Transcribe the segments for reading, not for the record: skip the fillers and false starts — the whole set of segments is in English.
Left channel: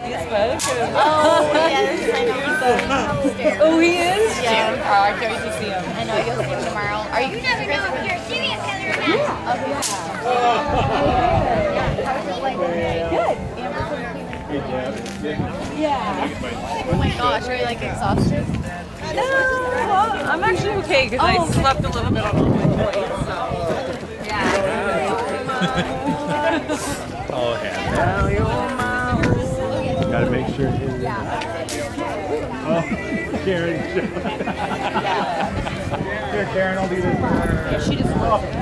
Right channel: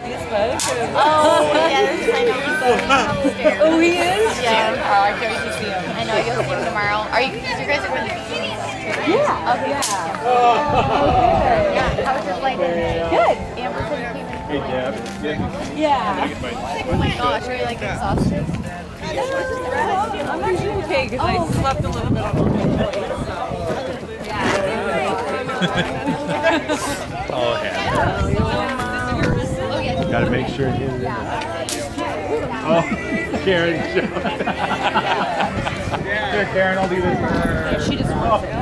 Oh, yes, I know. Oh, he is? Yeah. Oh, I can't wait to see him. I know, you'll see him tomorrow. Are you guys with your TV? Yeah. Okay. Yeah. How was your flight? Good. Amber's in the Hey, Deb. Yeah. Oh my gosh, are you like exhausted? Well, I'm actually okay because I slept a little bit on the plane, so. Oh, yeah. Gotta make sure it is. Oh, Karen. Here, Karen, I'll do this for her. She just wants it.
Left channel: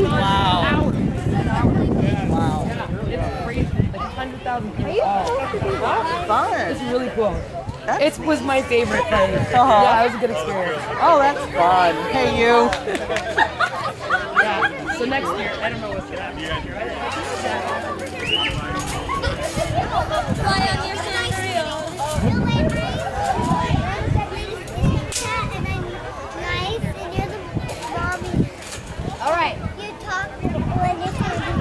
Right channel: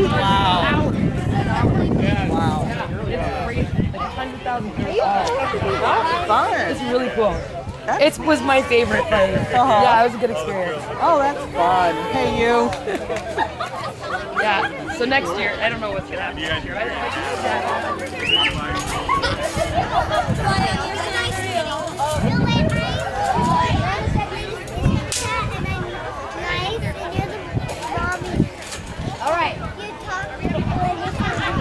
Wow. Wow. It's crazy. Like 100,000 people. That's fun. It's really cool. It was my favorite thing. Yeah, it was a good experience. Oh, that's fun. Hey, you. Yeah. So next year, I don't know what's gonna happen next year. All right. You talk when you come.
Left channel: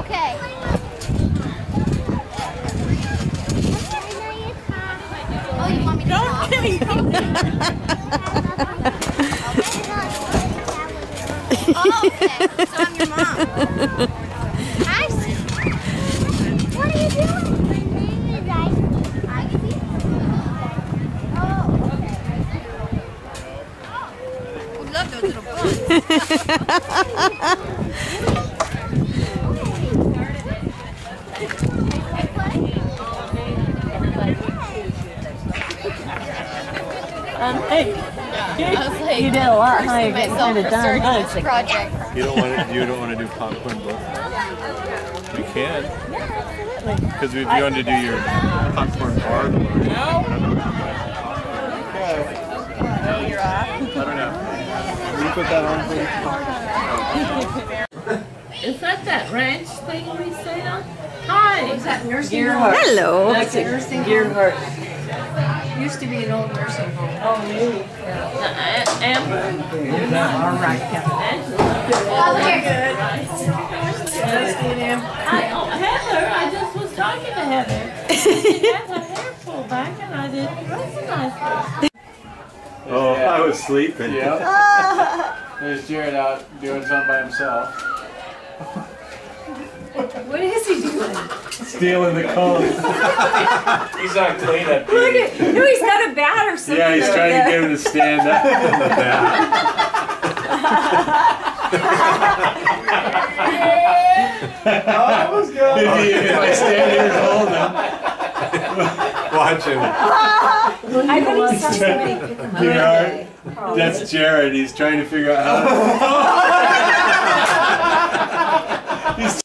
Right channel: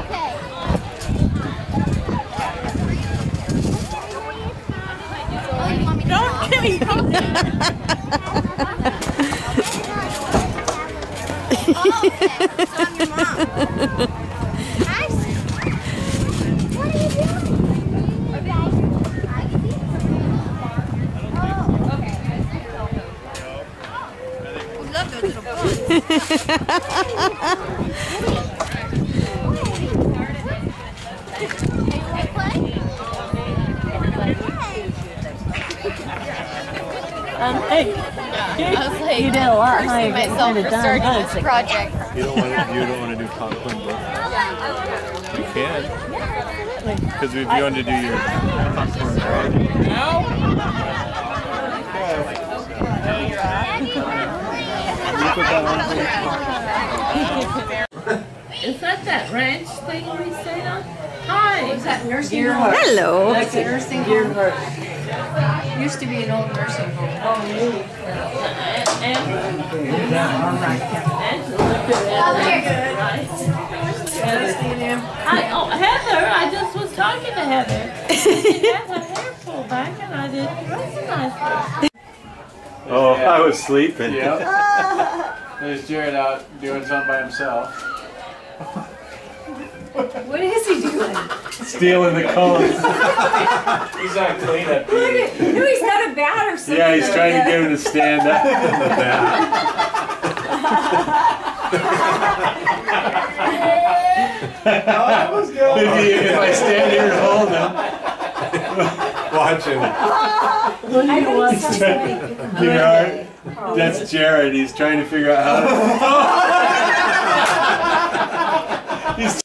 Okay. Oh, you want me to talk? Oh, okay. So I'm your mom. I see. What are you doing? You guys. I see. Oh, okay. We love those little Hey, I was like, you did a lot, huh? forcing You're getting myself kind of for done. starting Huh? this It's like, project. You don't want to do popcorn book? You can. Because if you want to do your popcorn bar. No, you're off. I don't know. Can you put that on, please? Is that ranch thing we stayed on? Hi. Is that nursing home? hello. That's a nursing home. Used to be an old nursing home. Oh, really? Amber. All right, Heather, I just was talking to Heather. She had her hair pulled back and I didn't recognize her. Oh, I was sleeping. Yeah. There's Jared out doing something by himself. What is he doing? Stealing the cones. He's not clean up. No, he's got a bat or something. Yeah, he's trying to get him to stand up in the back. Oh, that was good. If I stand here and hold him. Watch him. I know something. You know, that's Jared. He's trying to figure out how to... He's...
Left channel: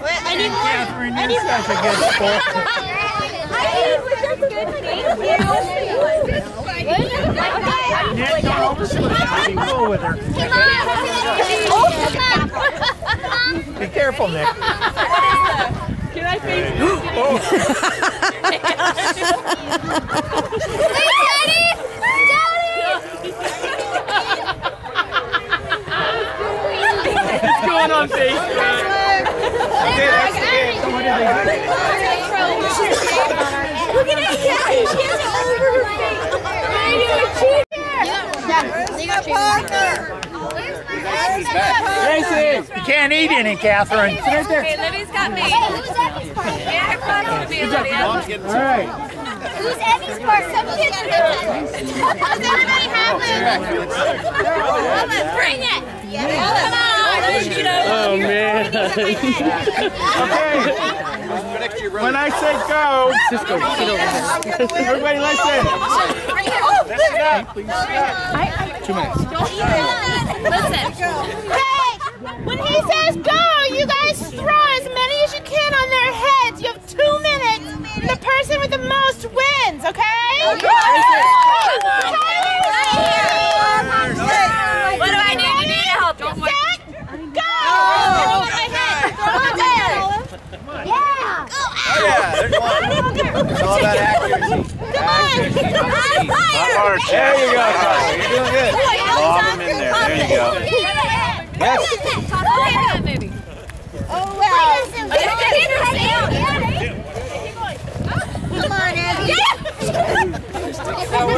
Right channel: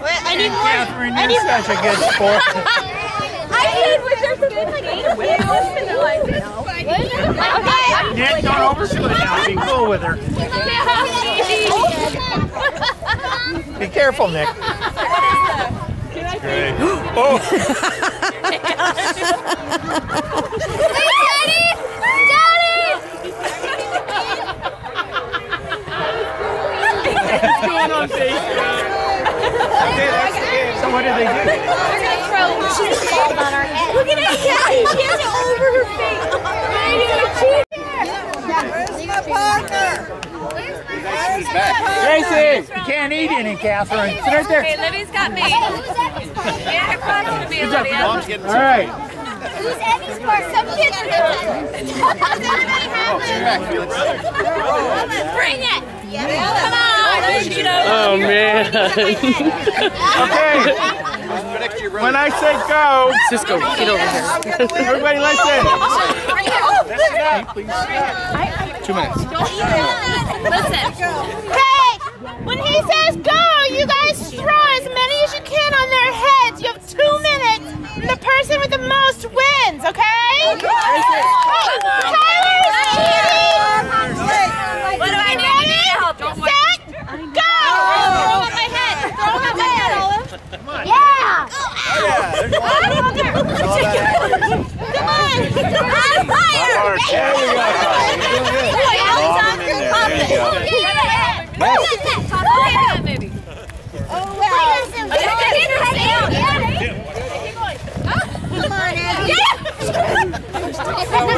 I need more. Catherine, you're such a good sport. Nick, don't overshoot it now. Be cool with her. Be careful, Nick. Can I say? Oh! What's going on Facebook? Okay, that's the game. So what did they do? We're gonna throw cheese on our head. Look at it. Yeah, she has it over her face. You got Parker. Gracie, you can't eat any, Catherine. Sit right there. Okay, Libby's got me. Yeah, her clock's gonna be a Libby. All right. Who's Eddie's part? Some kids are does anybody have it? Bring it. Come on. Oh, man. Okay. When I say go, Just go get over here. everybody listen. Listen. 2 minutes. Hey, when he says go, you guys throw as many as you can on their heads. You have 2 minutes, and the person with the most wins, okay? What do I need? You need help. Set, go! Throw them on my head. Throw them on my head. Yeah!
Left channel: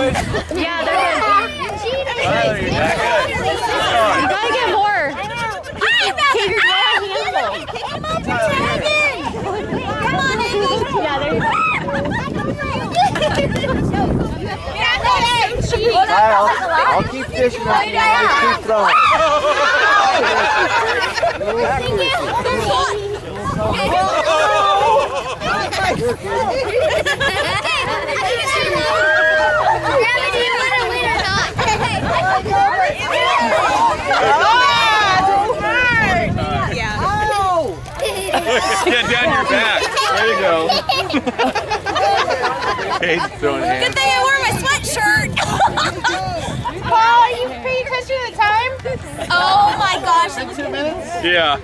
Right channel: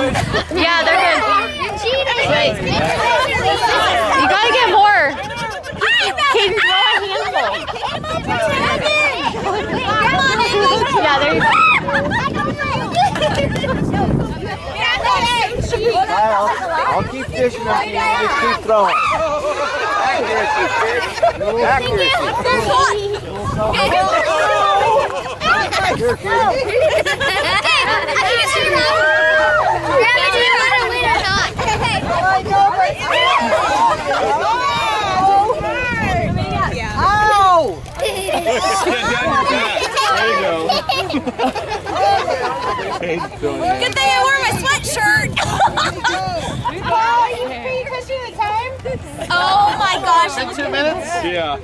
Yeah, they're good. You gotta get more. Kaden, throw a handful. Yeah, there you go. I'll keep fishing up here. Just keep throwing. Get down your back. There you go. Kate's throwing hands. Good thing I wore my sweatshirt. Paul, are you fishing the time? Oh my gosh. 2 minutes? Yeah.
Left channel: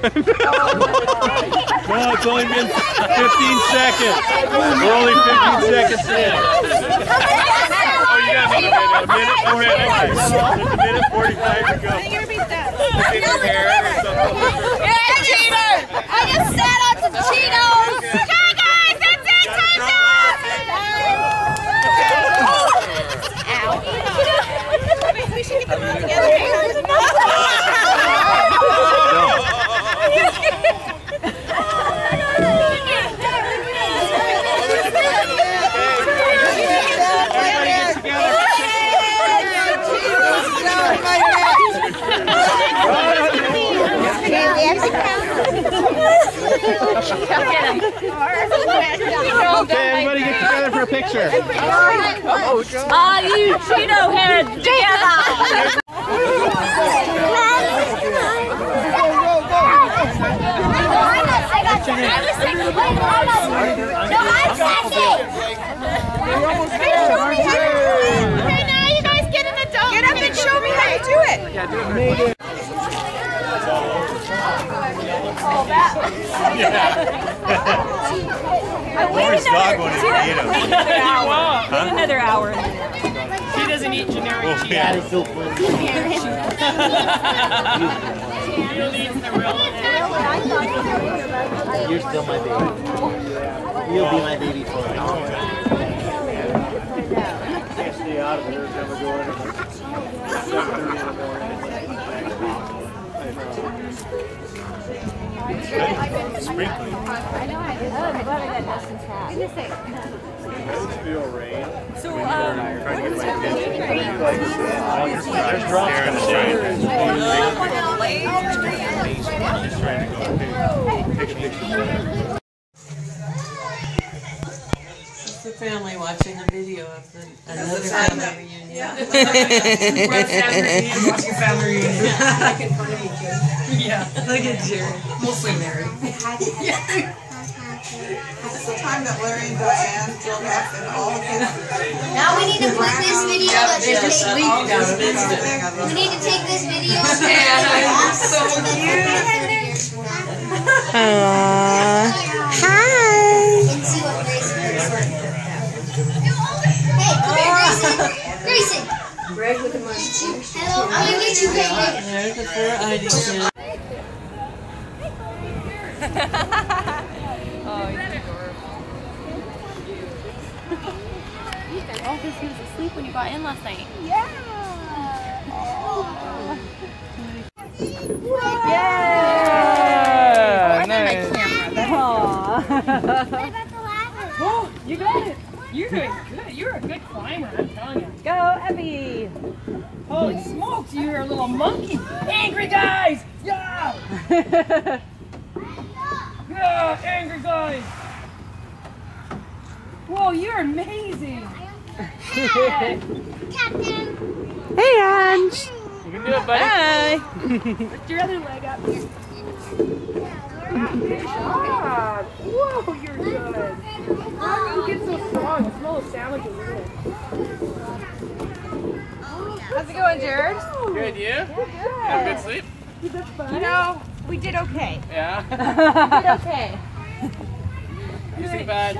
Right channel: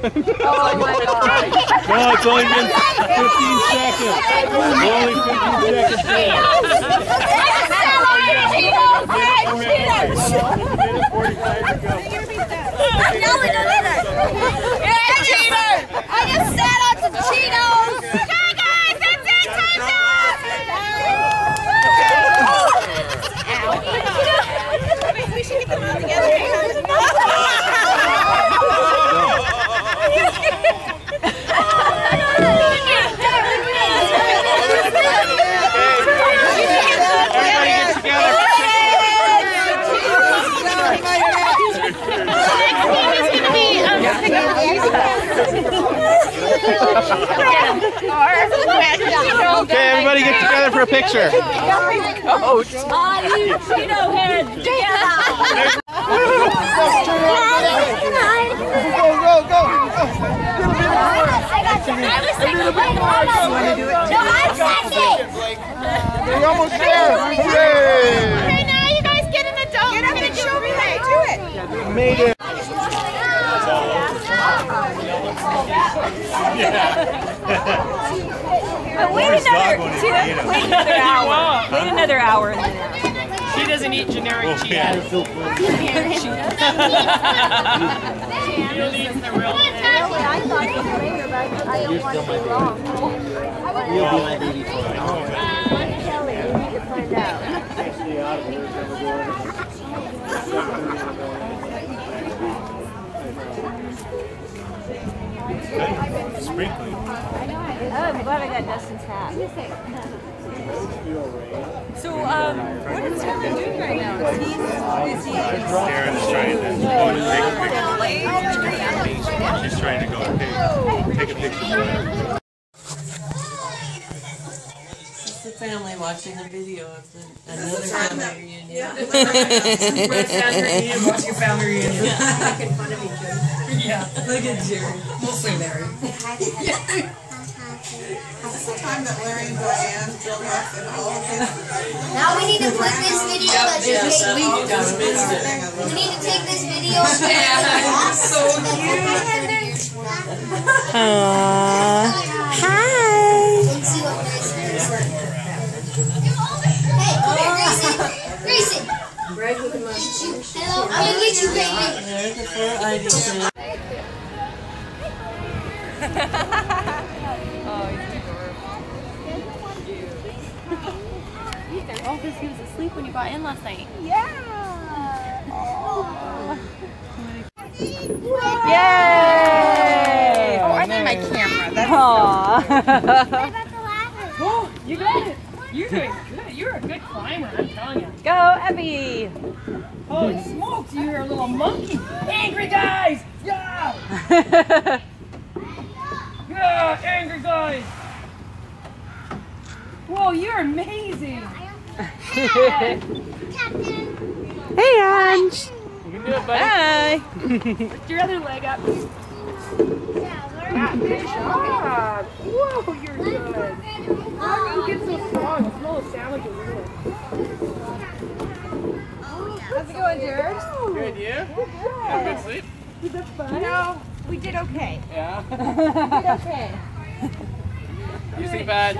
Oh my God. No, it's only been 15 seconds. We're only 15 seconds in. Oh, you got a minute already. A minute 45 to go. You're a cheater! I just sat on some Cheetos! Okay, guys, that's it! Time's up! We should get them all together. Everybody get together. Okay, everybody get together for a picture. Ah, you Cheeto head. You're almost there. Okay, now you guys get in the dome. Get up and show me how you do it. Made it. Wait another hour. She doesn't eat generic cheese. Yeah. You're still my baby. You'll be my baby for life. Can't stay out of here. Never go in. 7:30 in the morning. Sprinkling. I'm glad I got Dustin's hat. So, what is Aaron doing right now? Aaron's trying to She's trying to go take a picture. It's the family watching a video of another family reunion. We're at family reunion, watching family reunion. Making fun of each other. Yeah, look at Jared. Mostly Mary. This is the time that Larry and Diane built up and all of his... Now we need to put this video that you're taking. We need to take this video. So cute. Hi. And see what Grayson is. Hey, come here, Grayson. Greg with the money. Hello, I'm gonna get you, Greg. There's the 4 ID. Oh, because he was asleep when you got in last night. Yeah. Yay! Oh, I need my camera. That's Oh, you got it. You're doing good. You're a good climber, I'm telling you. Go, Abby. Holy smokes, you're a little monkey. Angry guys. Yeah. Yeah, angry guys. Whoa, you're amazing. Captain. Hey, Ange. You can do it, buddy. Hi. Lift your other leg up. Good job. Whoa, you're good. How do you get so strong? The smell of sandwiches, isn't it? How's it going, Jared? Good, you? Have a good sleep? No, we did okay. Yeah? Okay. You sleep at,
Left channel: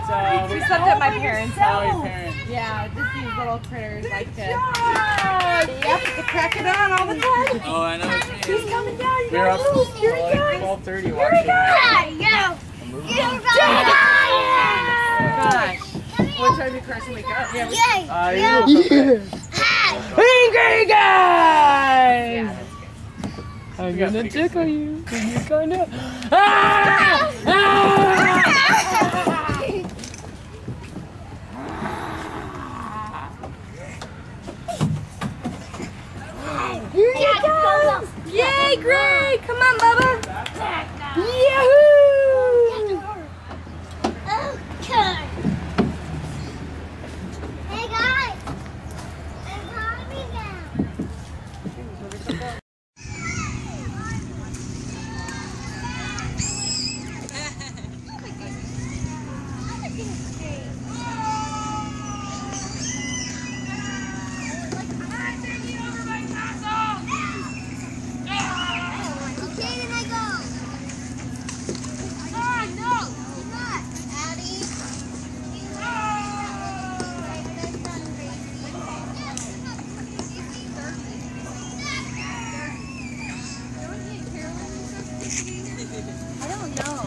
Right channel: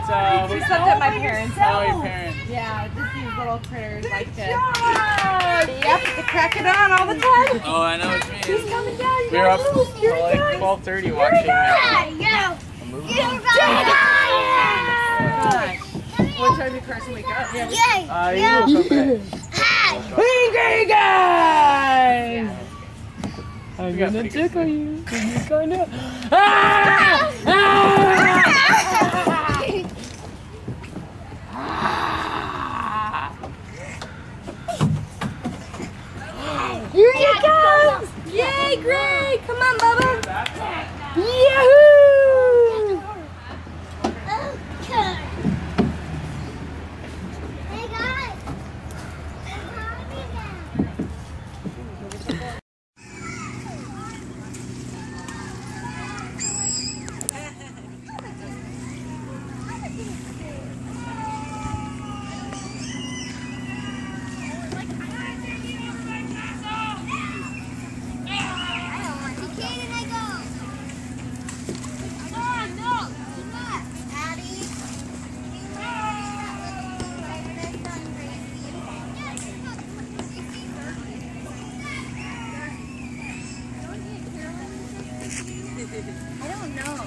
We slept at my parents' oh, house. your parents. Yeah, just these little critters like to... job. Yep, to crack it on all the time. Oh, I know what you mean. He's coming down. You We were up gotta move. Here he till like comes. 12:30 watching Go. a movie. Gosh. Gosh. What time did Carson wake up? Yay! You look okay. Angry guys! I'm gonna tickle you. Can you kinda? Ah! Here you go! Yay, Greg! Come on, Bubba! Yahoo! Okay. Hey guys! I'm hungry now. I don't know.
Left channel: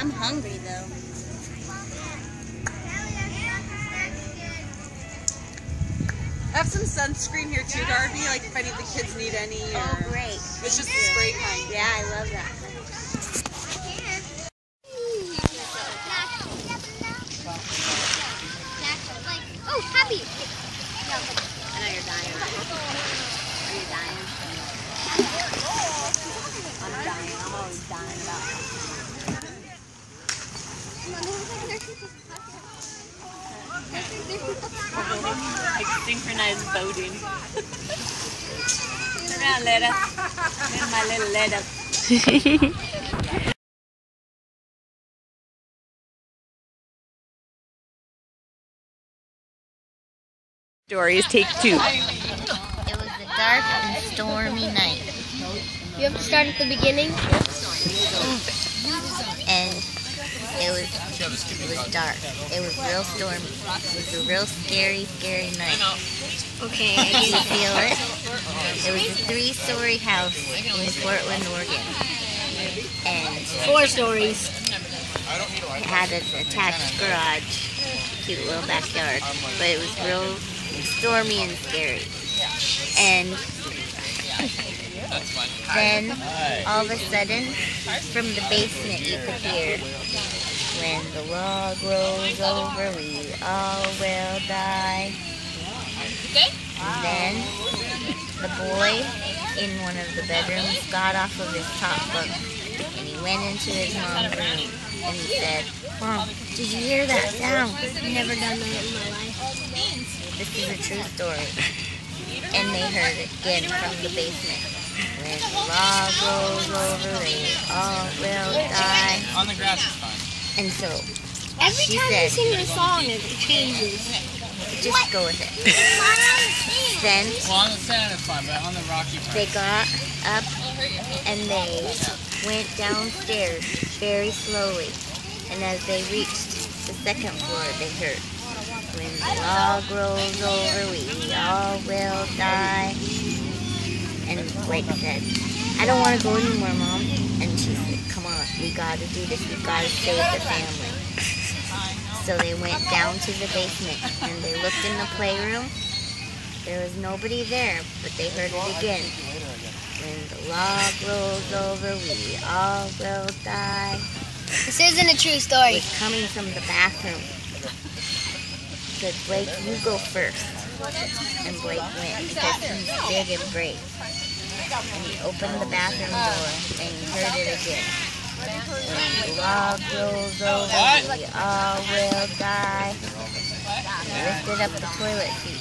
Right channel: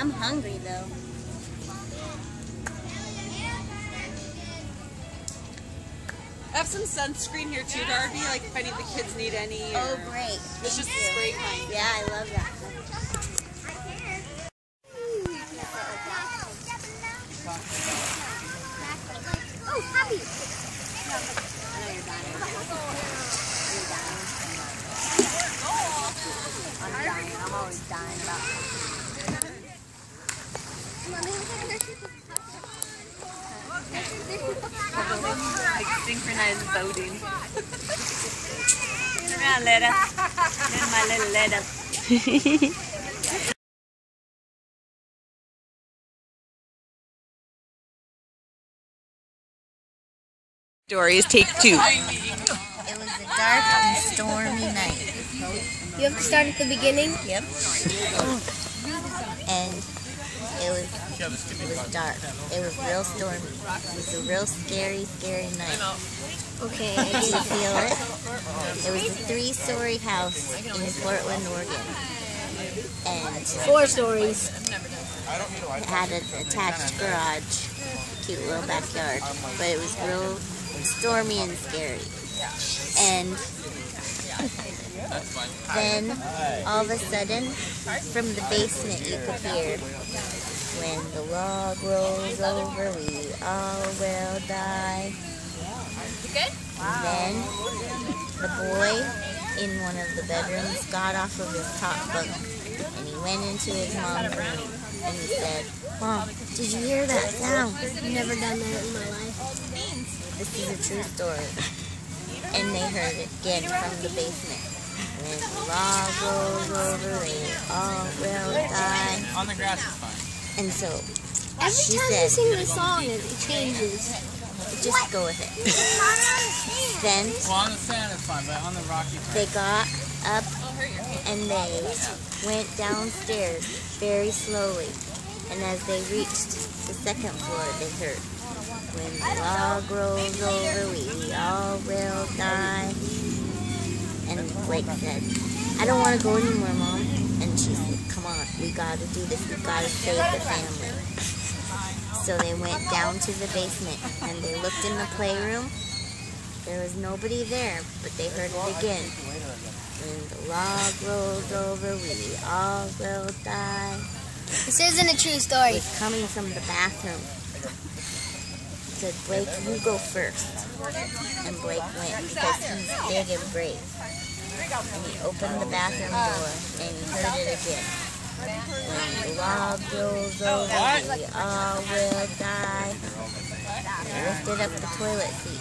I'm hungry though. I have some sunscreen here too, Darby, like if any of the kids need any or Oh, great. it's just a spray kind. Yeah, I love that. Oh, happy. I know you're dying. Are you dying? I'm dying. I'm always dying about Like synchronized boating. Turn around, Letta. Little my little Letta. Stories take 2. It was a dark and stormy night. You have to start at the beginning? Yep. And it was dark. It was real stormy. It was a real scary night. Okay, I can feel it. It was a 3-story house in Portland, Oregon. And 4 stories. it had an attached garage, cute little backyard, but it was real stormy and scary. And then all of a sudden, from the basement you could hear, when the log rolls over, we all will die. And then the boy in one of the bedrooms got off of his top bunk and he went into his mom's room and he said, "Mom, did you hear that sound?" Never done that in my life. This is a true story. And they heard it again from the basement. When the log rolls over, they all will die. On the grass is fine. And so Every she time said, you sing the song, it changes. just go with it. Then Well, on the sand it's fine, but on the rocky part. they got up and they went downstairs very slowly. And as they reached the second floor, they heard, "When the log rolls over, we all will die." And Blake said, "I don't want to go anymore, Mom." And she said, "Come on, we got to do this. We got to save the family." So they went down to the basement and they looked in the playroom. There was nobody there, but they heard it again. "When the log rolls over, we all will die." This isn't a true It story. was coming from the bathroom. Said, "Blake, you go first." And Blake went because he's big and brave. And he opened the bathroom door and he heard it again. "When the log rolls over, we all will die." And he lifted up the toilet seat.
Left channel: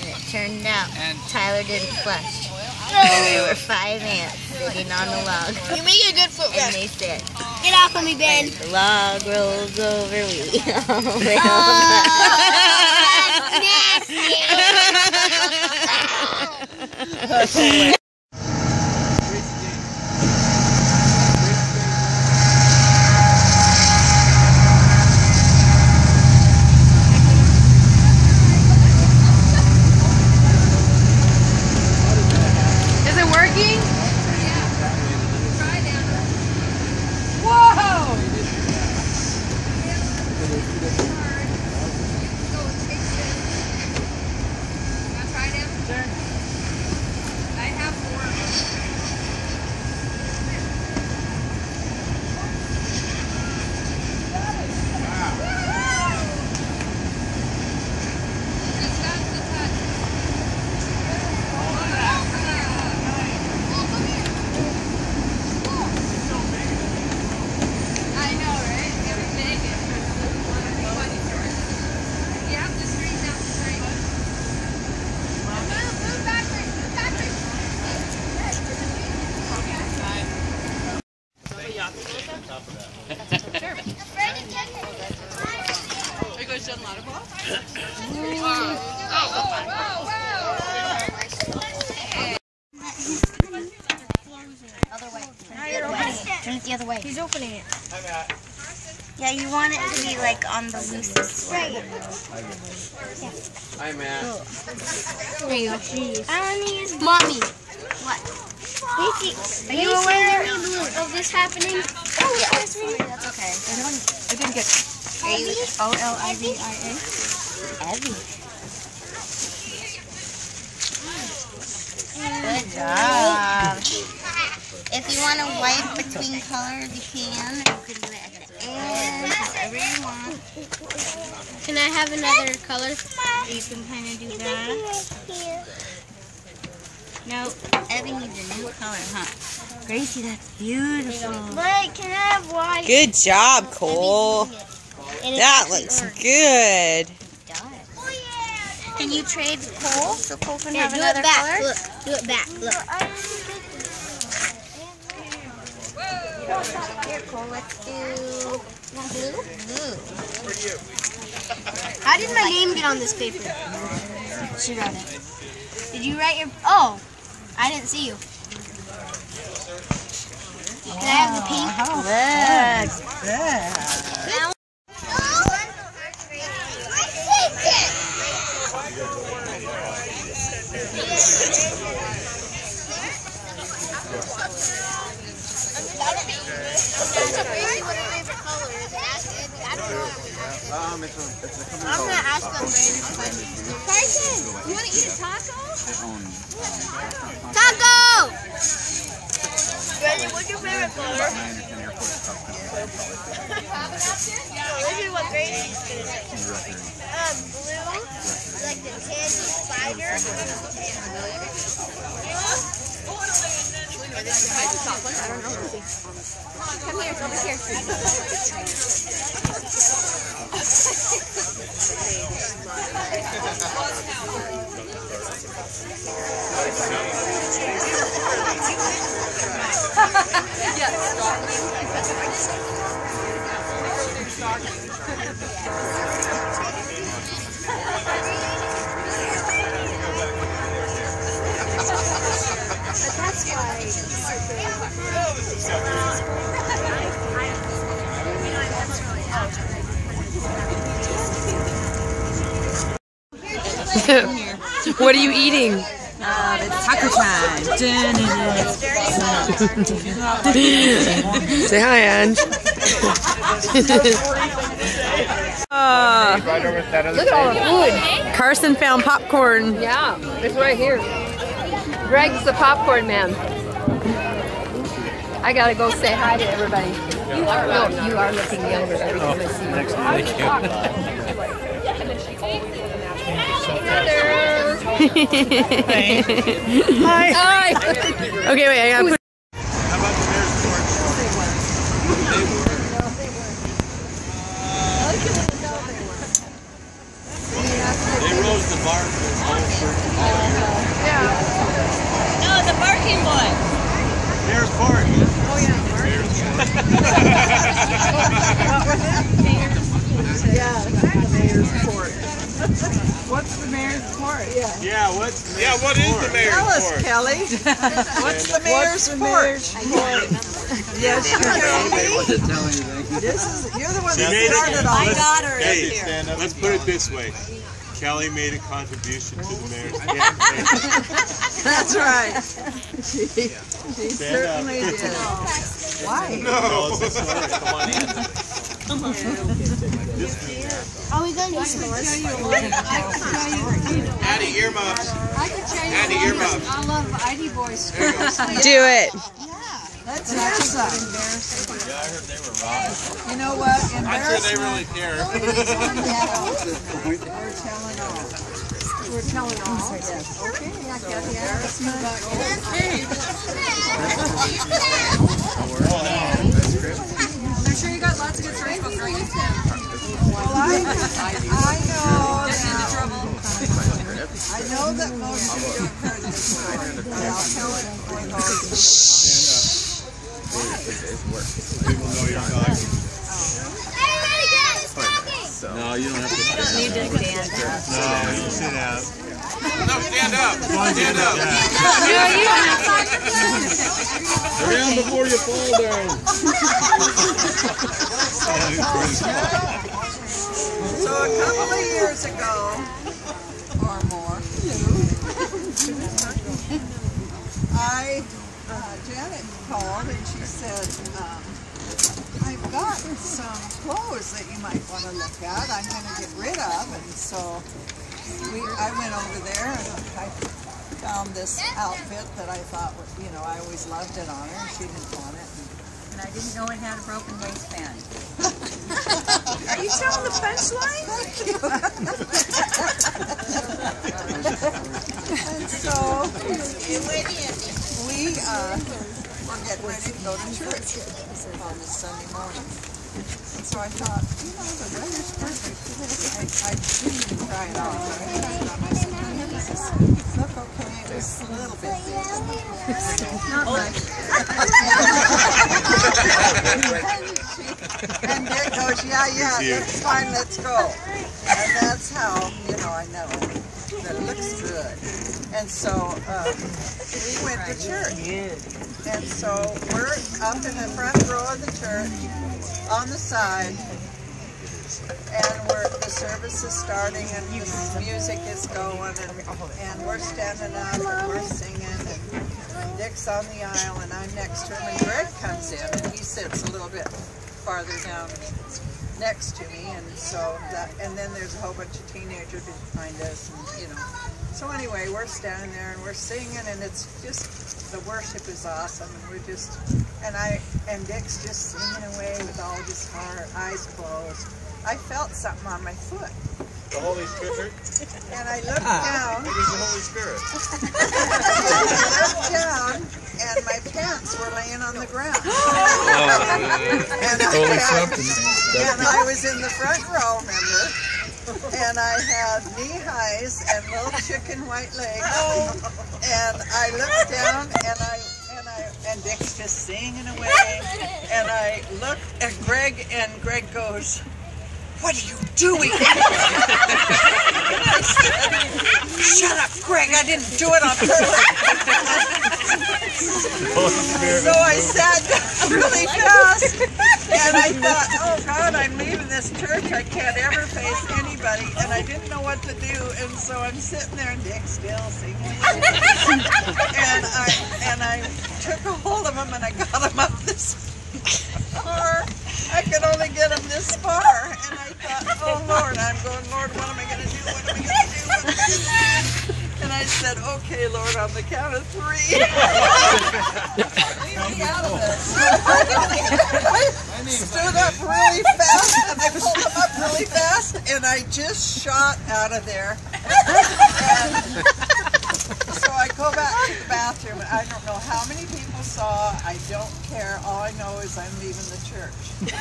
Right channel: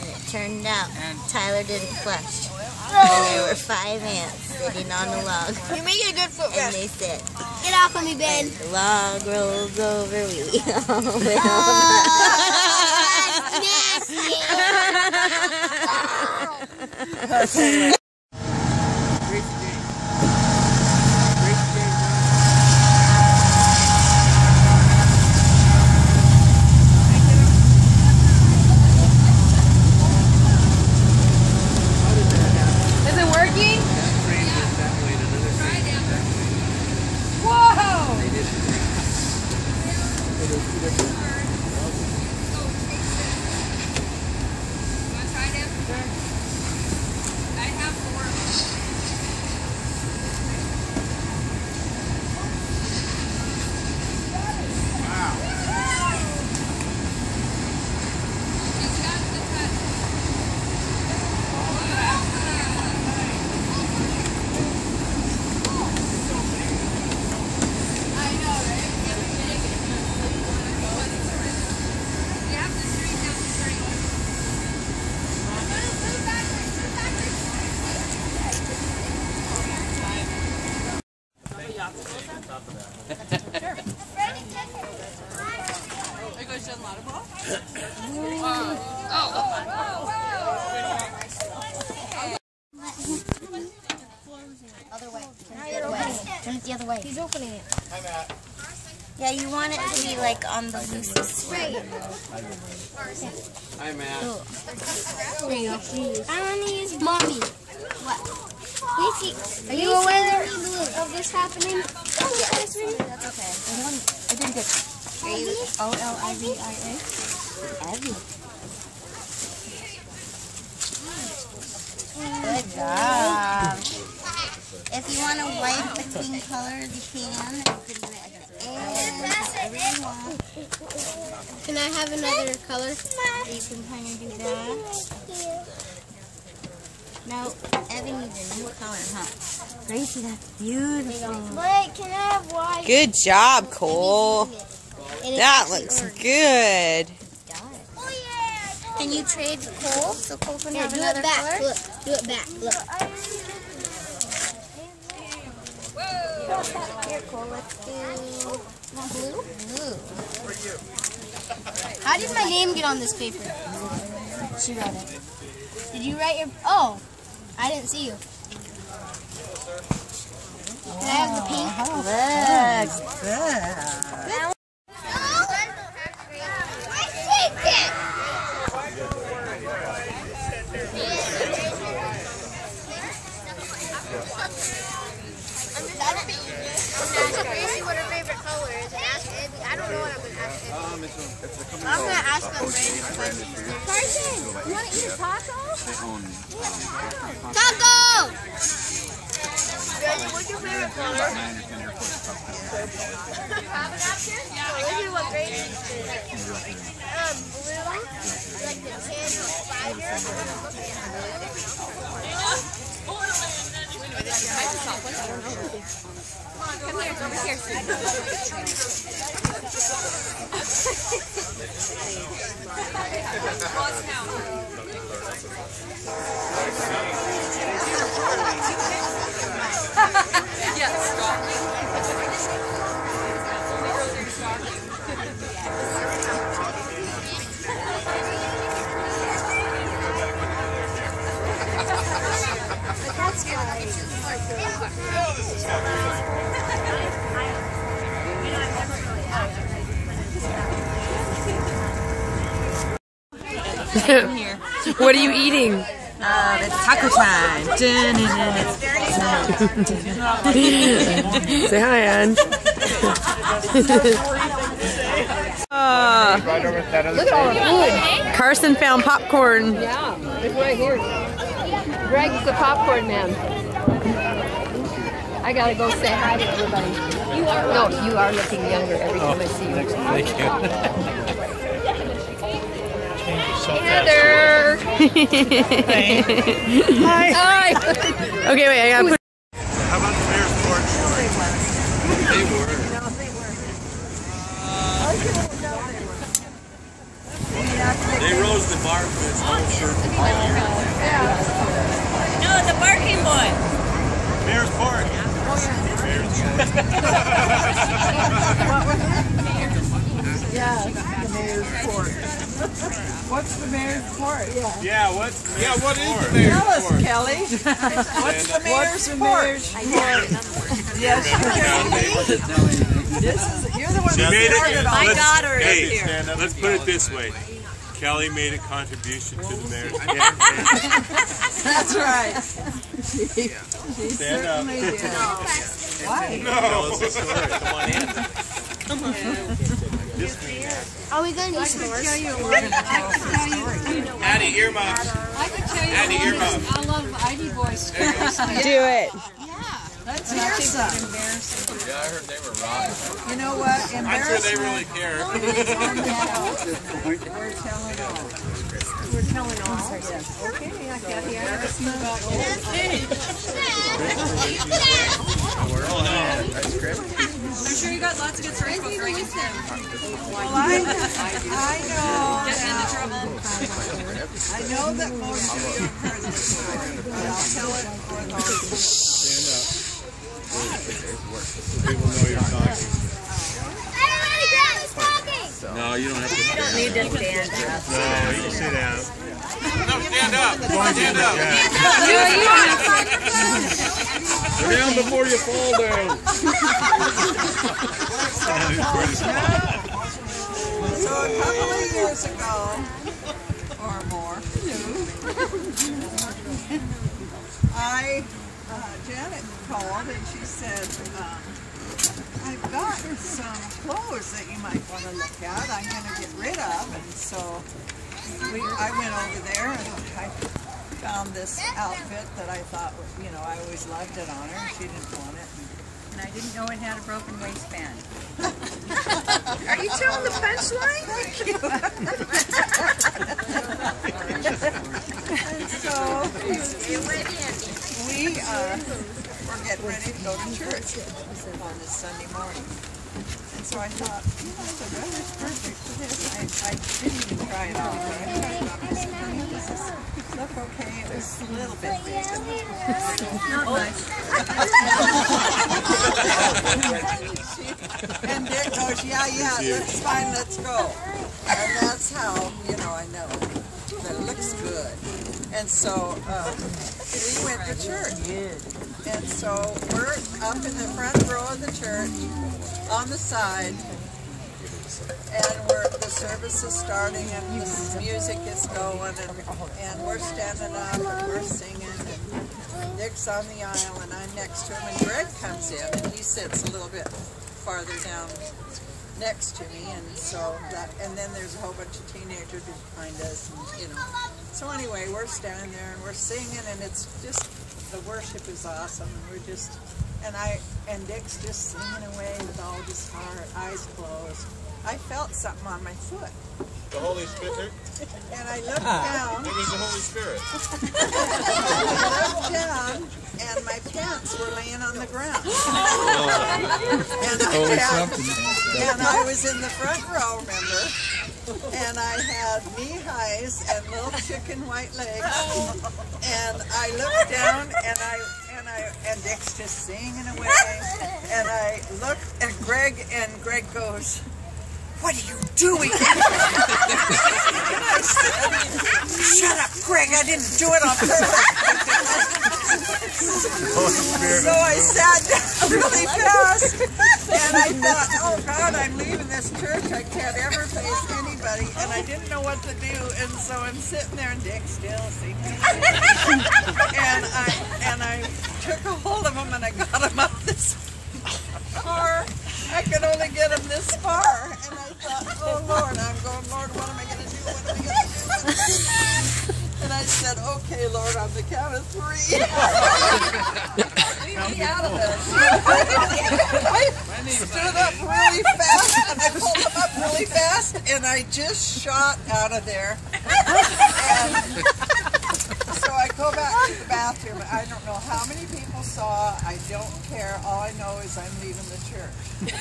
And it turned out Tyler didn't flush. And there were 5 ants sitting on the log. You make a good foot And rest. they said, Get off of me, Ben. "When the log rolls over, we all will die." Is it working? Other way. Turn it the other way. He's opening it. Yeah, you want it to be like on the loosest. Hi, Matt. There you go. Jeez. I want to use Mommy. What? Are you aware of this happening? Oh, yeah. That's okay. I didn't get Olivia. Evie. Good job. If you want to wipe between colors, you can. You can do it at the end, whatever you want. Can I have another color? You can kind of do that. No, Evie needs a new color, huh? Gracie, that's beautiful. Wait, can I have white? Good job, Cole. That looks good. Can you trade Cole so Cole can have Do another it back. color? Look, do it back. Look. Here, Cole, let's do blue. Blue. How did my name get on this paper? She wrote it. Did you write your... Oh, I didn't see you. Can I have the pink? Good. I'm going to ask them random questions. Carson, you want to eat a taco? Taco! What's your favorite color? About 9 or 10 airports across the country. What grade? Blue? Like the 10 I don't know. Come here, come here. What are you eating? It's taco time. Say hi, Ange. Look at all the food. Carson found popcorn. Yeah, it's right here. Greg's the popcorn man. I gotta go say hi to everybody. You are looking younger every time I see you. Thank you. Heather. Hi. Hi. Okay, wait. I gotta put. How about the mayor's porch? They rose the bar for this whole circle all year. No, the barking boy. Mayor's porch. What's the mayor's report? Yeah, what is the mayor's report? Tell us, Kelly. What's the mayor's report? Yes, you're the one that started all this. Hey, let's put it this way. Kelly made a contribution to the mayor's campaign. That's right. She Stand up. certainly did. Why? No. Are we going to use yours? Addie, earmuffs. I can tell you Addie, earmuffs. all of ID boys. Do it. Let's hear some. Yeah, I heard they were robbed. You know what? I'm sure they really care. We're telling all. We're telling all. Yes. Okay. I got the embarrassment. I'm sure you got lots of good stories about Greg. Well, I know that most of you have heard this story, but I'll tell it for those. No, No, you don't have to stand. You just stand. No, you can sit down. No, stand up. Stand up. Go down before you fall down. So a couple of years ago, or more, Janet called and she said, I've got some clothes that you might want to look at. I'm going to get rid of. And so I went over there and I found this outfit that I thought, you know, I always loved it on her and she didn't want it. And I didn't know it had a broken waistband. Are you telling the punchline? And so we were getting ready to go to church on this Sunday morning. And so I thought, you know, the weather's perfect for this. I didn't even try it on, but I tried it on. I said, honey, does this look okay? It was a little bit big. Not much. And Dick goes, yeah, it's fine, let's go. And that's how, you know, I know that it looks good. And so we went to church. And so we're up in the front row of the church on the side, and the service is starting and the music is going, and we're standing up and we're singing, and Dick's on the aisle and I'm next to him, and Greg comes in and he sits a little bit farther down next to me, and so and then there's a whole bunch of teenagers behind us, and you know. So anyway, we're standing there and we're singing, and it's just, the worship is awesome, and we're just, and Dick's just singing away with all his heart, eyes closed. I felt something on my foot. The Holy Spirit? And I looked down. It was the Holy Spirit. I looked down, and my pants were laying on the ground. And I was in the front row, remember? And I had knee highs and little chicken white legs. And I looked down, and Dick's just singing away. And I look at Greg, and Greg goes, "What are you doing?" And I said, "Shut up, Greg, I didn't do it on purpose." So I sat down really fast, and I thought, oh God, I'm leaving this church. I can't ever face anybody, and I didn't know what to do, and so I'm sitting there, and Dick's still singing away. And I took a hold of him, and I got him up this far. I could only get him this far, and I thought, oh Lord, I'm going, Lord, what am I going to do? What am I going to do? What am I going to do? And I said, okay, Lord, on the count of 3. Leave me out of this. I stood up really fast, and I pulled him up really fast, and I just shot out of there. And so I go back to the bathroom. I don't know how many people saw. I don't care. All I know is I'm leaving the church. So,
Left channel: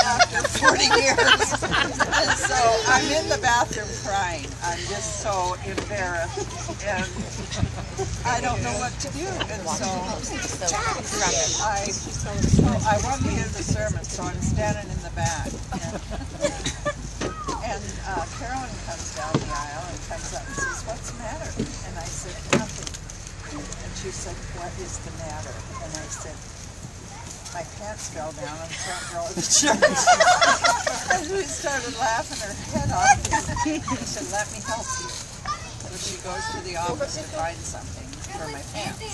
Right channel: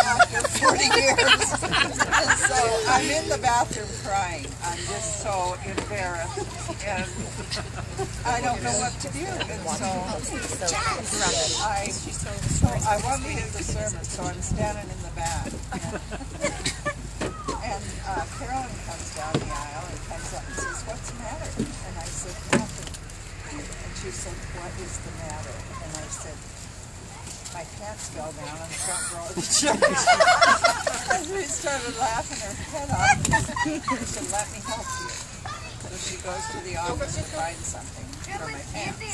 after 40 years. And so I'm in the bathroom crying. I'm just so embarrassed. And I don't know what to do. And so I wanted to hear the sermon, so I'm standing in the back. And Carolyn comes down the aisle and comes up and says, "What's the matter?" And I said, "Nothing." And she said, "What is the matter?" And I said, "My pants fell down on the front row of the church." And she started laughing her head off. She said, "Let me help you." So she goes to the office to find something for my pants.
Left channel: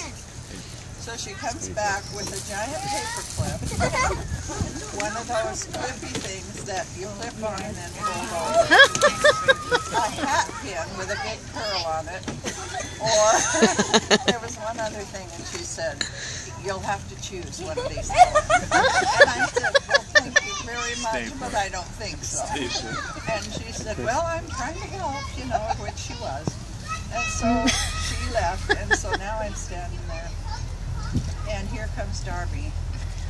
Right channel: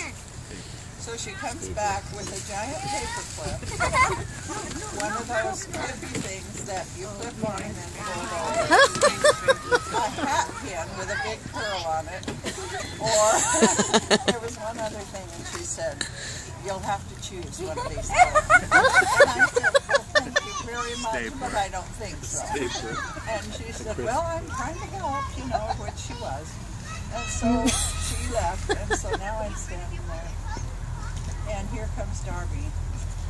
So she comes back with a giant paper clip, one of those clippy things that you clip on and then fold over, a hat pin with a big pearl on it, or there was one other thing, and she said, "You'll have to choose one of these four." And I said, "Well, thank you very much, but I don't think so." And she said, "Well, I'm trying to help," you know, which she was. And so she left, and so now I'm standing there. And here comes Darby,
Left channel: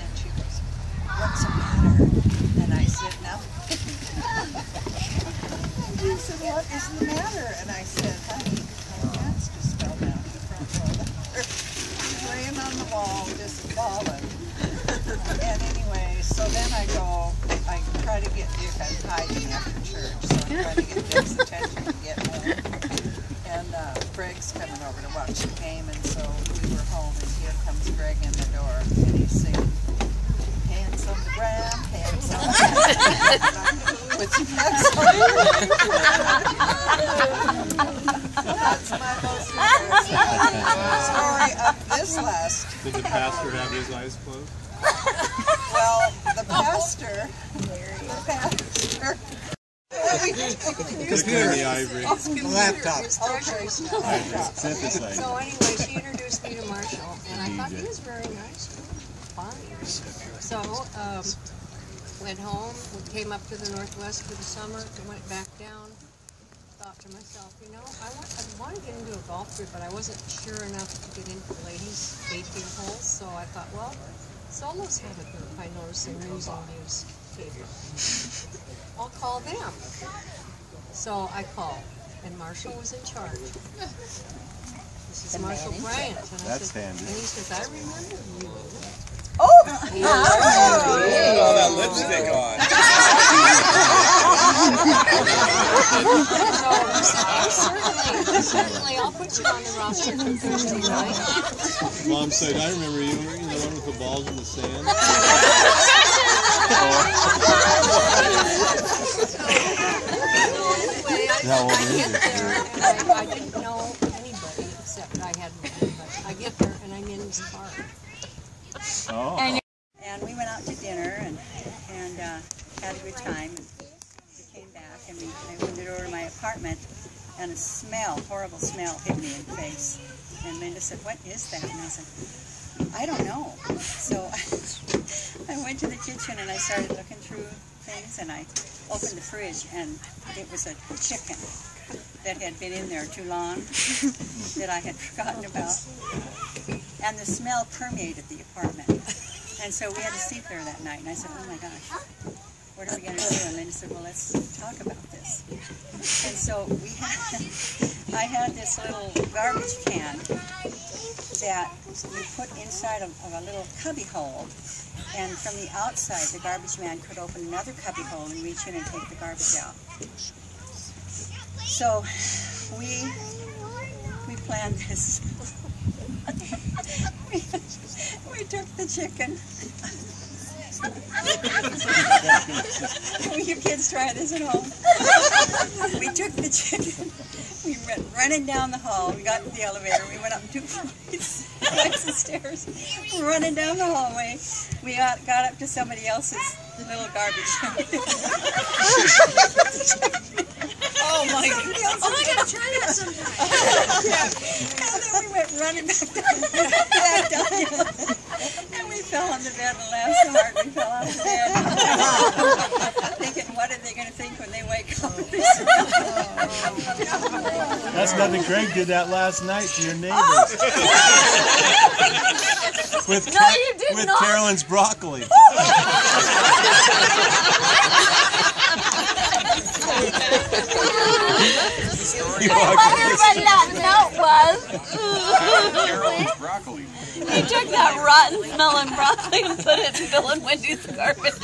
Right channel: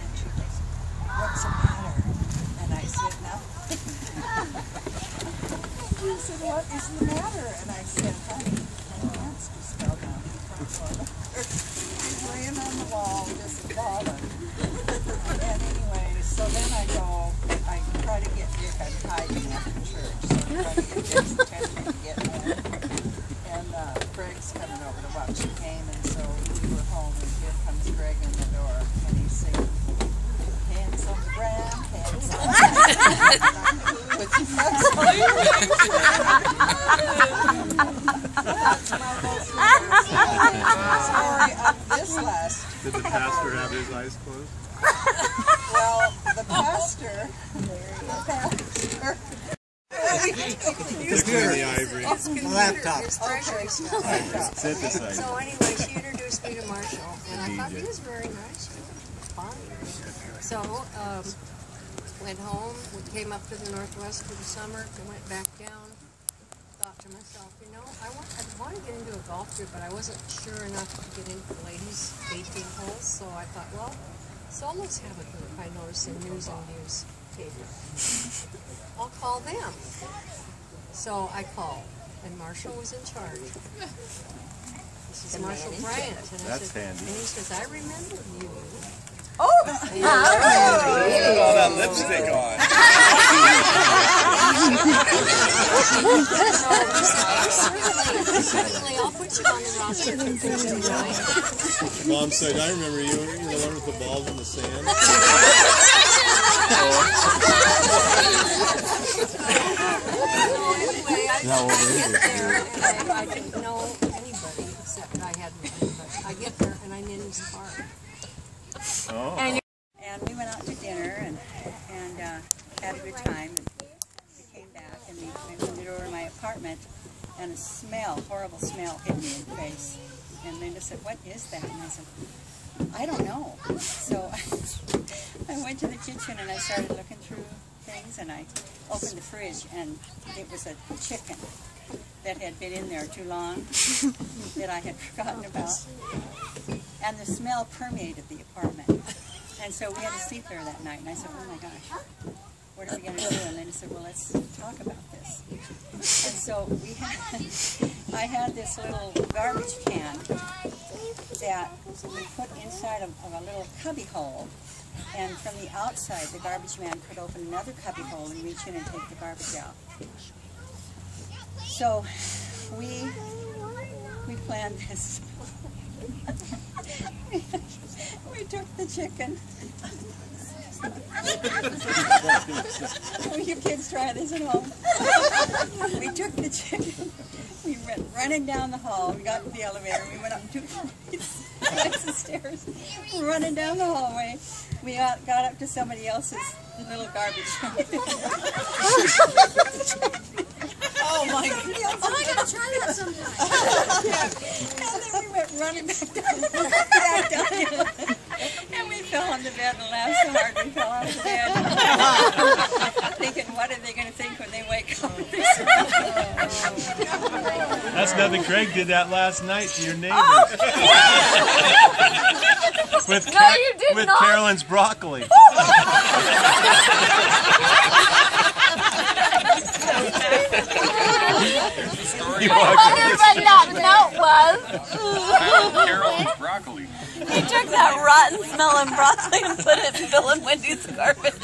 and she goes, "What's the matter?" And I said, "Nothing." And she said, "What is the matter?" And I said, "Honey, my pants just fell down the front row." She's laying on the wall, just bawling. And anyway, So then I try to get Dick, I'm hiding after church, so I try to get Dick's attention to get home. And Greg's coming over to watch the game, and so we were home, and here comes Greg in the door, and he's singing, hands on the ground, hands on the ground, with your hands on the ground. That's my most embarrassing story of this last. Did the pastor have his eyes closed? Well, the pastor. Computer. The ivory. Laptop. Synthesizer. So anyway, she introduced me to Marshall, and I thought he was very nice, fine. So went home, we came up to the Northwest for the summer, went back down. Thought to myself, you know, I want to get into a golf group, but I wasn't sure enough to get into the ladies' 18 holes. So I thought, well, Solos have a group. I noticed in News and Views paper. I'll call them. So I called, and Marshall was in charge. This is Marshall Bryant, and I said, handy. and he says, I remember you. Oh! Put all that lipstick on. So he said, oh, certainly, I'll put you on the roster for Thursday night. Mom said, I remember you. Were you the one with the balls in the sand? How old is it? I didn't know anybody except I had anybody. I get there and I'm in his car. Oh. And we went out to dinner and had a good time. And we came back and I went over to my apartment and a smell, horrible smell, hit me in the face. And Linda said, "What is that?" And I said, "I don't know." So I went to the kitchen and I started looking through things, and I opened the fridge, and it was a chicken that had been in there too long that I had forgotten about. And the smell permeated the apartment. And so we had to sleep there that night. And I said, "Oh my gosh, what are we going to do?" And Linda said, "Well, let's talk about this." And so I had this little garbage can that we put inside of a little cubby hole. And from the outside, the garbage man could open another cubby hole and reach in and take the garbage out. So we planned this. We took the chicken. Will you kids try this at home? We took the chicken. We went running down the hall. We got to the elevator. We went up 2 flights of stairs. Running down the hallway. We got up to somebody else's little garbage. Oh my God. I'm going to try that sometime. And then we went running back down the elevator. And we fell on the bed and laughed so hard we fell off the bed. Thinking, what are they going to think when they wake up? That's nothing. Greg did that last night to your neighbors. With Carolyn's broccoli. I wonder what that note was. Carolyn's broccoli. He took that rotten smelling broccoli and put it in Bill and Wendy's garbage.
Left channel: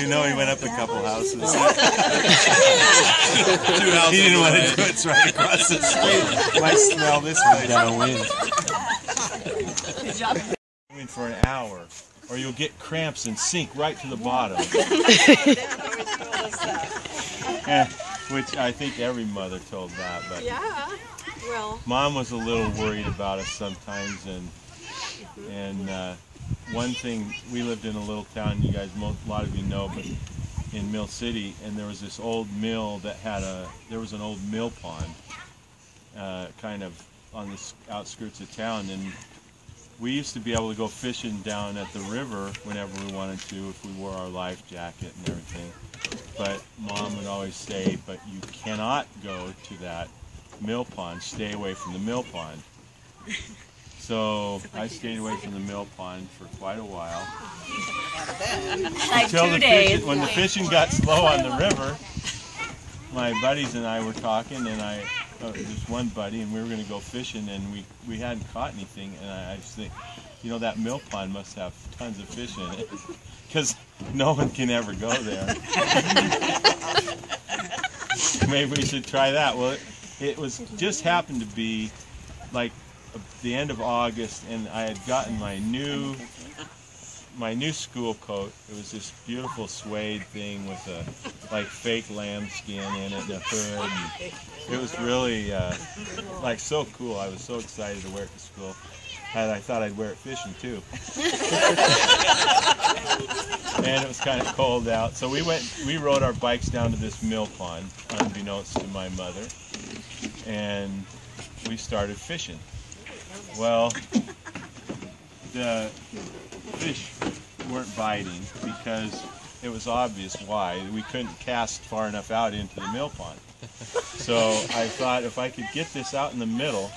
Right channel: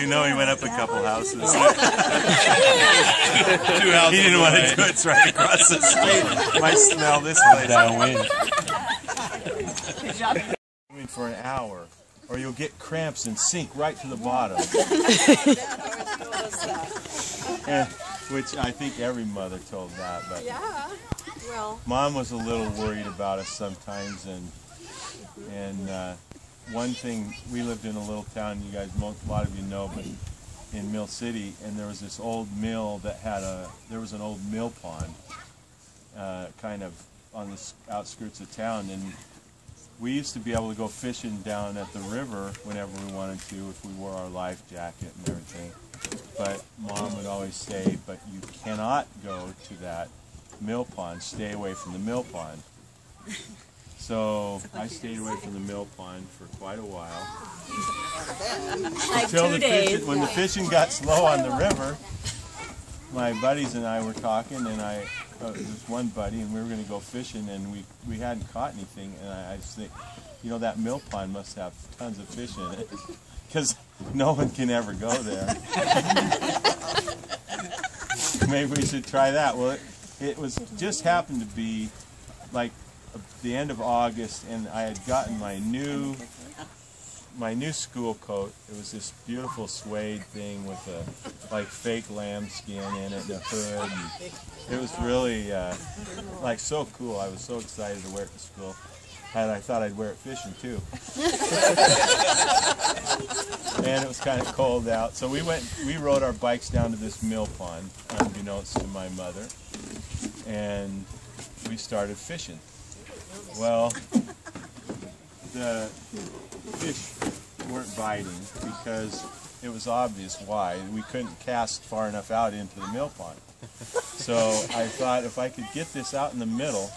You know he went up a couple houses. 2 houses. He didn't want to do it. It's right across the street. Might smell this place. Good job. For an hour, or you'll get cramps and sink right to the bottom. Which I think every mother told that, but Well, Mom was a little worried about us sometimes, and one thing, we lived in a little town, you guys, a lot of you know, but in Mill City, and there was this old mill that had there was an old mill pond, kind of on the outskirts of town, and we used to be able to go fishing down at the river whenever we wanted to, if we wore our life jacket and everything. But Mom would always say, "But you cannot go to that mill pond. Stay away from the mill pond." So I stayed away from the mill pond for quite a while. Until when the fishing got slow on the river, my buddies and I were talking, and there's one buddy, and we were going to go fishing, and we hadn't caught anything, and I just think, you know, that mill pond must have tons of fish in it. because no one can ever go there. Maybe we should try that. Well, it was just happened to be like the end of August, and I had gotten my new school coat. It was this beautiful suede thing with a like fake lambskin in it and a hood. And it was really like so cool. I was so excited to wear it to school. And I thought I'd wear it fishing too. And it was kind of cold out. So we rode our bikes down to this mill pond, unbeknownst to my mother, and we started fishing. Well, the fish weren't biting because it was obvious why. We couldn't cast far enough out into the mill pond. So I thought if I could get this out in the middle,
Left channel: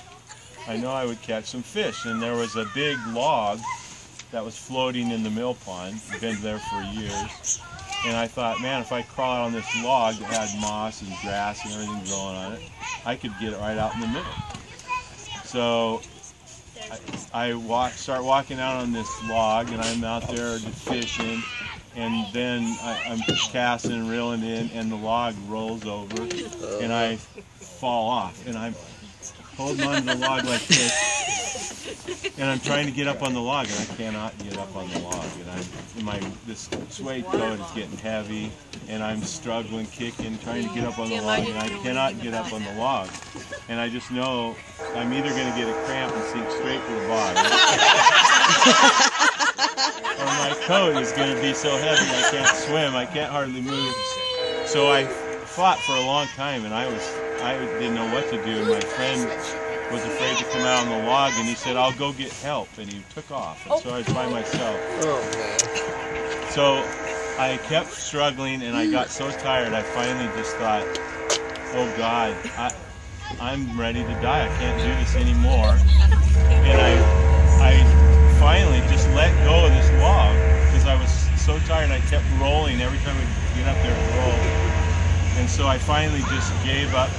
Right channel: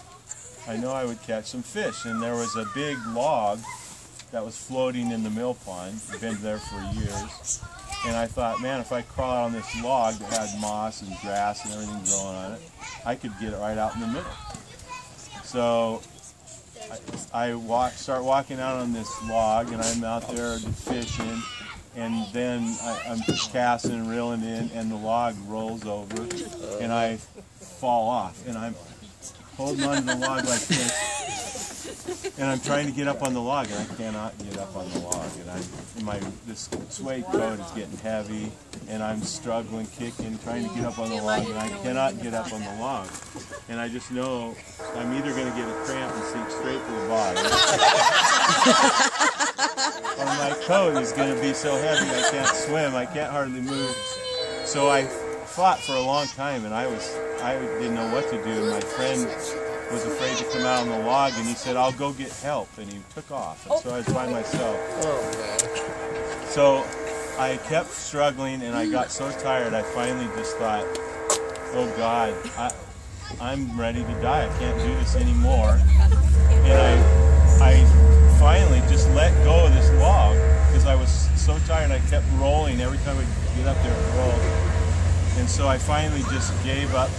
I know I would catch some fish. And there was a big log that was floating in the mill pond, been there for years. And I thought, man, if I crawl out on this log that had moss and grass and everything growing on it, I could get it right out in the middle. So I start walking out on this log, and I'm out there fishing, and then I'm casting and reeling in, and the log rolls over, and I fall off, and I'm holding onto the log like this, and I'm trying to get up on the log, and I cannot get up on the log, and this suede coat is getting heavy, and I'm struggling, kicking, trying to get up on the log, and I cannot get up on the log, and I just know I'm either going to get a cramp and sink straight to the bottom, or my coat is going to be so heavy I can't swim, I can't hardly move. So I fought for a long time, and I didn't know what to do, and my friend was afraid to come out on the log, and he said, I'll go get help, and he took off, and so I was by myself. So I kept struggling, and I got so tired, I finally just thought, oh God, I'm ready to die, I can't do this anymore, and I finally just let go of this log, because I was so tired, I kept rolling. Every time I get up there, it rolled. And so I finally just gave up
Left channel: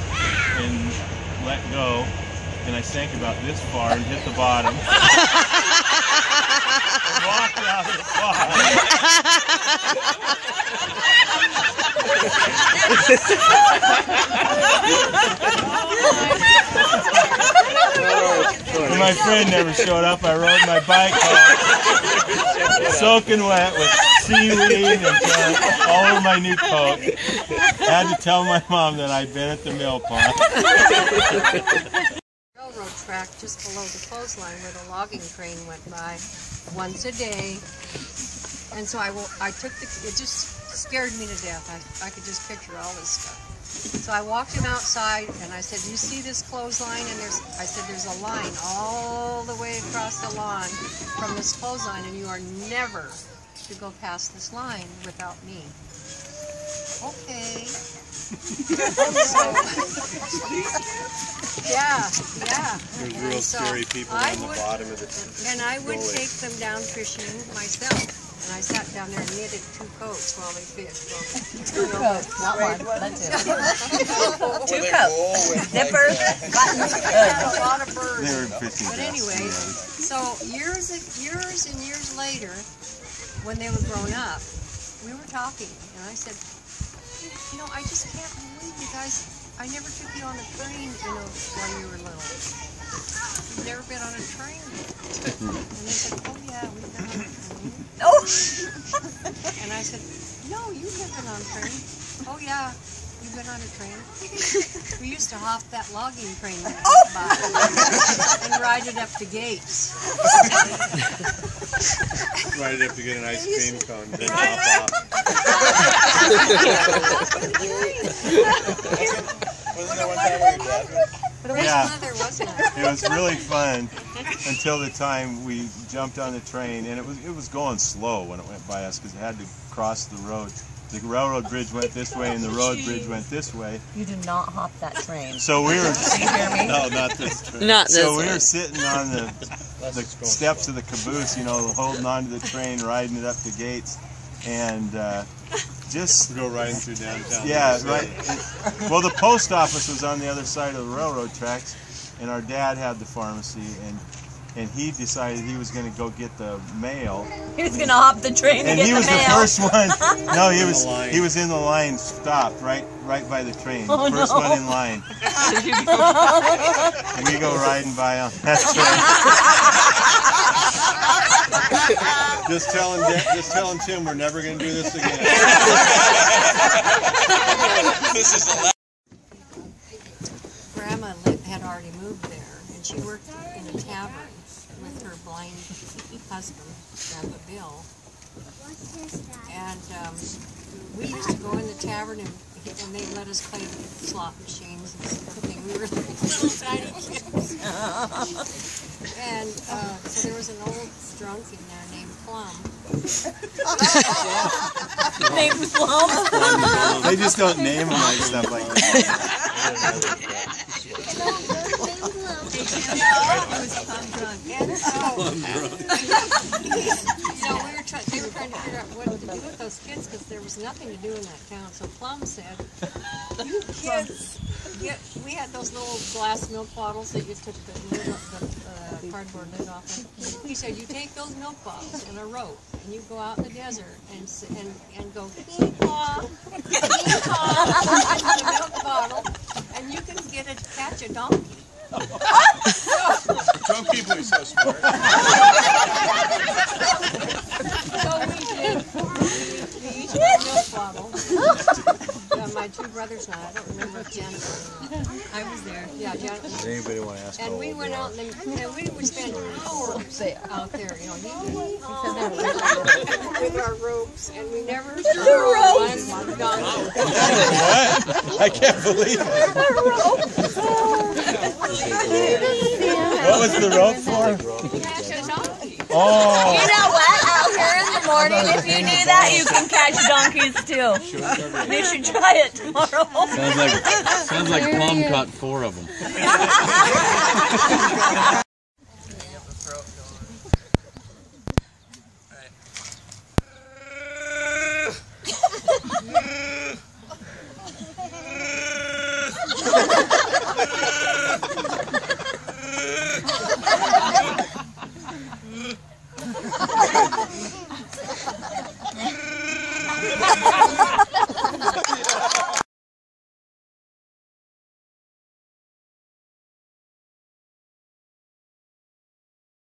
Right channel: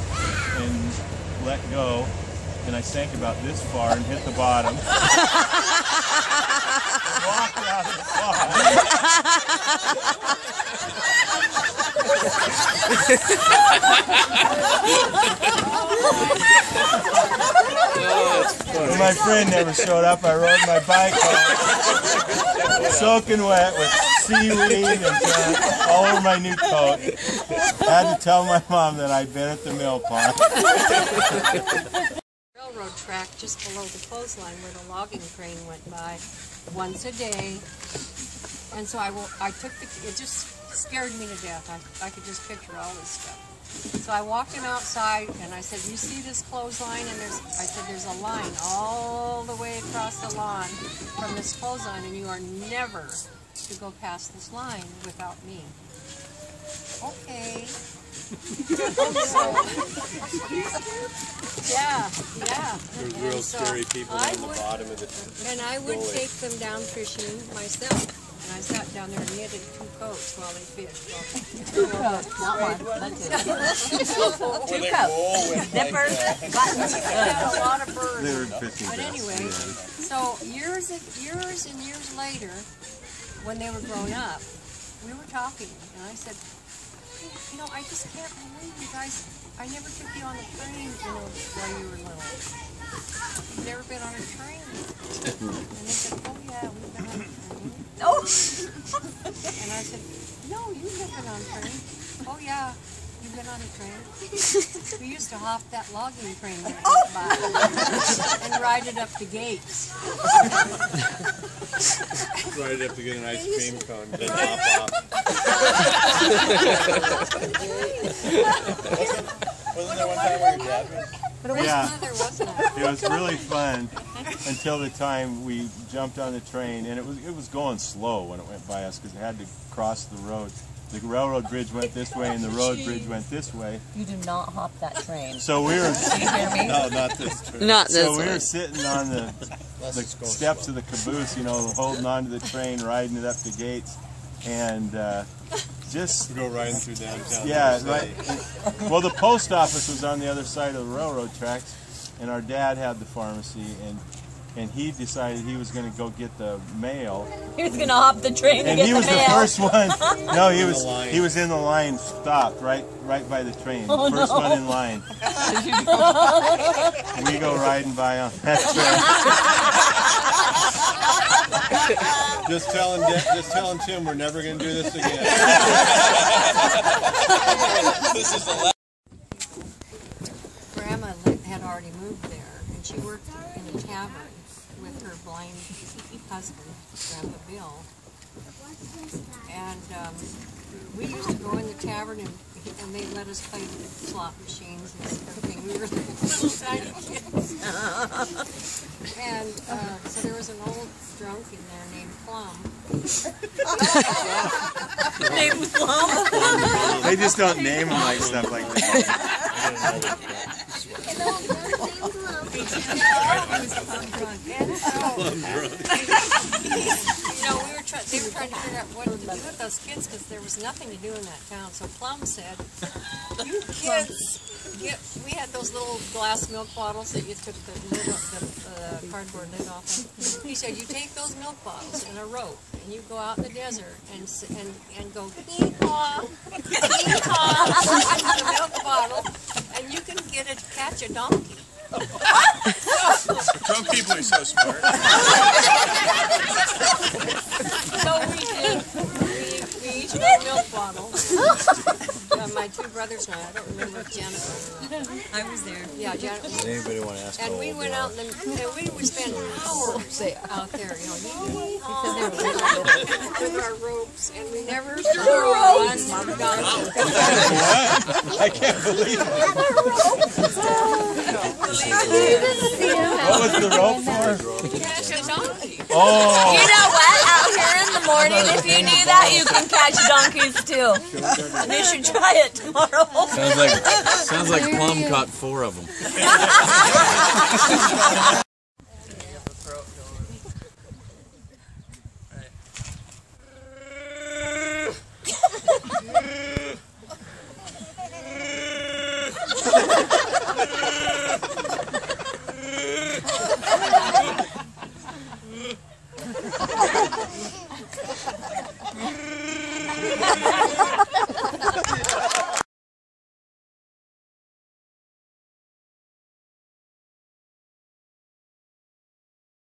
and let go, and I sank about this far and hit the bottom. Walked out of the pond. And my friend never showed up. I rode my bike home, soaking wet with seaweed and all over my new coat. Had to tell my mom that I'd been at the mill pond. Railroad track just below the clothesline where the logging train went by once a day. And so it just scared me to death. I could just picture all this stuff. So I walked him outside and I said, you see this clothesline? And there's a line all the way across the lawn from this clothesline, and you are never to go past this line without me. Okay. So, yeah. There's real scary people on the bottom of the and I would take them down fishing myself. And I sat down there and knitted 2 coats while they fished. Well, 2 coats, not one. 2 coats. Nippers. Had a lot of birds. But anyway, so years and years later, when they were grown up, we were talking, and I said, you know, I just can't believe you guys, I never took you on the train, while you were little. You've never been on a train. And they said, oh yeah, we've been on a train. Oh! And I said, no, you've never been on a train. Oh yeah, you've been on a train. We used to hop that logging train when it went by and ride it up to Gates. Ride it up to get an ice cream cone, then hop off. Wasn't there one time where your dad was? Yeah, There was not. it was really fun until the time we jumped on the train, and it was going slow when it went by us because it had to cross the road. The railroad bridge went this way, and the road bridge went this way. You do not hop that train. So we were. Do you hear me? No, not this train. Not this So we one. were sitting on the steps of the caboose, holding on to the train, riding it up to Gates, and just go riding through downtown. Yeah, right. Well, the post office was on the other side of the railroad tracks, and our dad had the pharmacy, and and he decided he was going to go get the mail. He was going to hop the train to get the mail. And he was the first one. No, he was in the line, stopped right by the train. Oh, first no. one in line. And we go riding by on that train. Just telling Tim we're never going to do this again. Grandma had already moved there, and she worked in a tavern with her blind husband, Grandpa Bill. And we used to go in the tavern, and they let us play the slot machines and everything. We were little tiny kids. And so there was an old drunk in there named Plum. Named Plum? They just don't name them like stuff like that. And so, they were trying to figure out what to do with those kids because there was nothing to do in that town. So Plum said, "You kids, we had those little glass milk bottles that you took the lid off, the cardboard lid off of. He said, you take those milk bottles and a rope, and you go out in the desert and go hee-haw, hee-haw into the milk bottle, and you can catch a donkey." Drunk people are so smart. So we did. We each got a milk bottle. My two brothers and I don't remember if Janet was or not. I was there. Yeah, Janet was there. Anybody want to ask? And we went out and we would spend hours out there, you know, with our ropes, and we never saw one donkey. I can't believe it. What was the rope for? Oh. You know what? Out here in the morning, if you do that, you can catch donkeys too. You should try it tomorrow. Sounds like Plum caught 4 of them.